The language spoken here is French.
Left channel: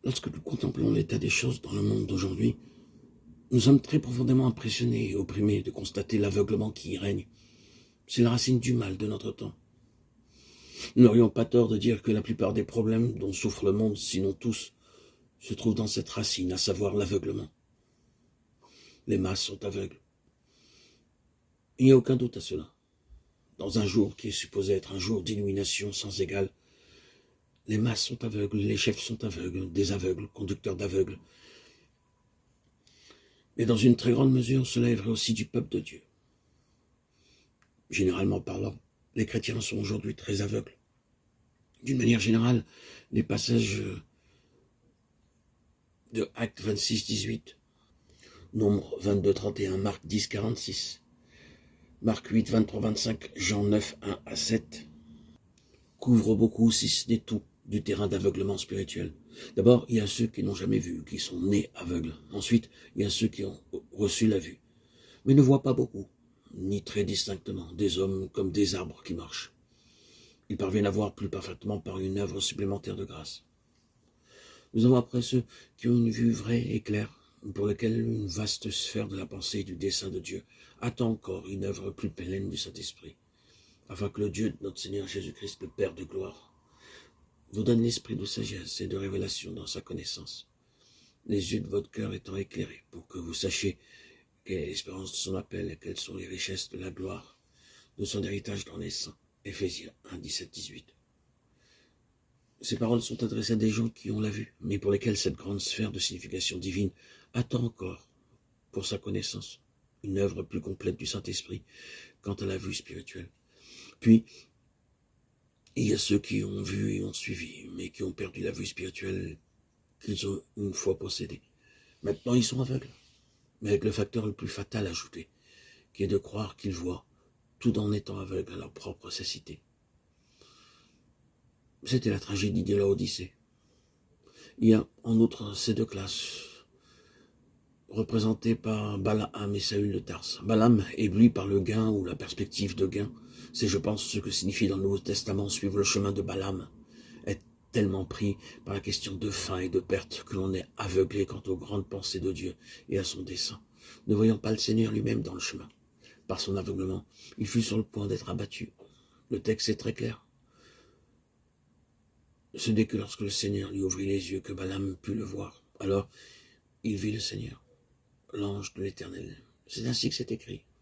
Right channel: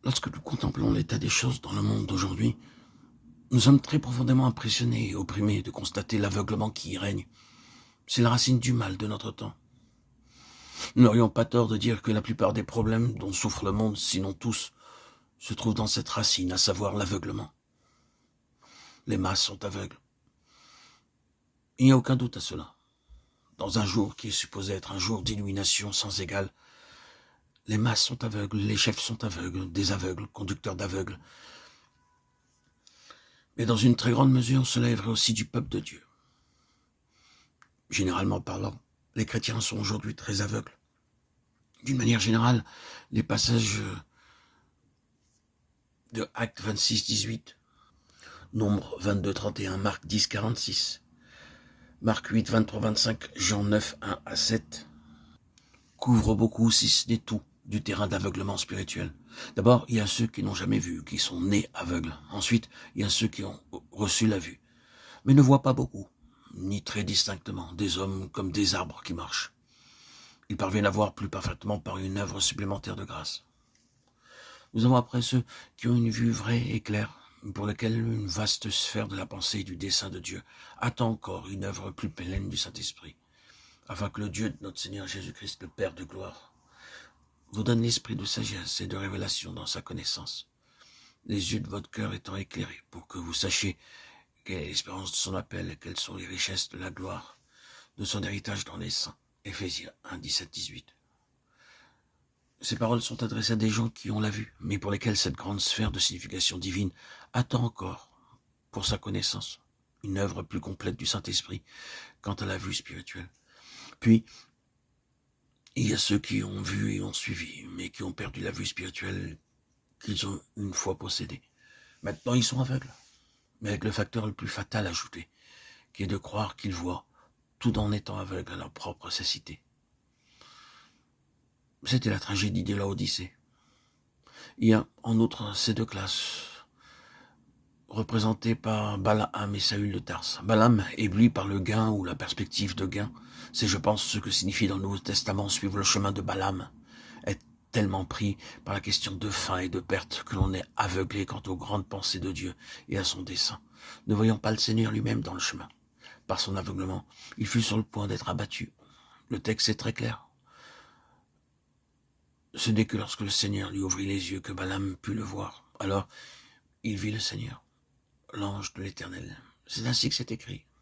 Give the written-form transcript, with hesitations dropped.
Lorsque nous contemplons l'état des choses dans le monde d'aujourd'hui, nous sommes très profondément impressionnés et opprimés de constater l'aveuglement qui y règne. C'est la racine du mal de notre temps. Nous n'aurions pas tort de dire que la plupart des problèmes dont souffre le monde, sinon tous, se trouvent dans cette racine, à savoir l'aveuglement. Les masses sont aveugles. Il n'y a aucun doute à cela. Dans un jour qui est supposé être un jour d'illumination sans égale, les masses sont aveugles, les chefs sont aveugles, des aveugles, conducteurs d'aveugles. Mais dans une très grande mesure, cela est vrai aussi du peuple de Dieu. Généralement parlant, les chrétiens sont aujourd'hui très aveugles. D'une manière générale, les passages de Actes 26, 18, Nombre 22, 31, Marc 10, 46, Marc 8, 23, 25, Jean 9, 1 à 7, couvrent beaucoup, si ce n'est tout, du terrain d'aveuglement spirituel. D'abord, il y a ceux qui n'ont jamais vu, qui sont nés aveugles. Ensuite, il y a ceux qui ont reçu la vue, mais ne voient pas beaucoup, ni très distinctement, des hommes comme des arbres qui marchent. Ils parviennent à voir plus parfaitement par une œuvre supplémentaire de grâce. Nous avons après ceux qui ont une vue vraie et claire, pour lesquels une vaste sphère de la pensée et du dessein de Dieu attend encore une œuvre plus pleine du Saint-Esprit, afin que le Dieu de notre Seigneur Jésus-Christ, le Père de gloire, vous donne l'esprit de sagesse et de révélation dans sa connaissance, les yeux de votre cœur étant éclairés, pour que vous sachiez quelle est l'espérance de son appel et quelles sont les richesses de la gloire de son héritage dans les saints. Éphésiens 1, 17, 18. Ces paroles sont adressées à des gens qui ont la vue, mais pour lesquels cette grande sphère de signification divine attend encore, pour sa connaissance, une œuvre plus complète du Saint-Esprit quant à la vue spirituelle. Puis, il y a ceux qui ont vu et ont suivi, mais qui ont perdu la vue spirituelle qu'ils ont une fois possédée. Maintenant, ils sont aveugles, mais avec le facteur le plus fatal ajouté, qui est de croire qu'ils voient, tout en étant aveugles à leur propre cécité. C'était la tragédie de l'Odyssée. Il y a en outre ces deux classes, représentées par Balaam et Saül de Tarse. Balaam, ébloui par le gain ou la perspective de gain, c'est je pense ce que signifie dans le Nouveau Testament suivre le chemin de Balaam, être tellement pris par la question de faim et de perte que l'on est aveuglé quant aux grandes pensées de Dieu et à son dessein. Ne voyant pas le Seigneur lui-même dans le chemin. Par son aveuglement, il fut sur le point d'être abattu. Le texte est très clair. Ce n'est que lorsque le Seigneur lui ouvrit les yeux que Balaam put le voir. Alors, il vit le Seigneur, l'ange de l'Éternel. C'est ainsi que c'est écrit.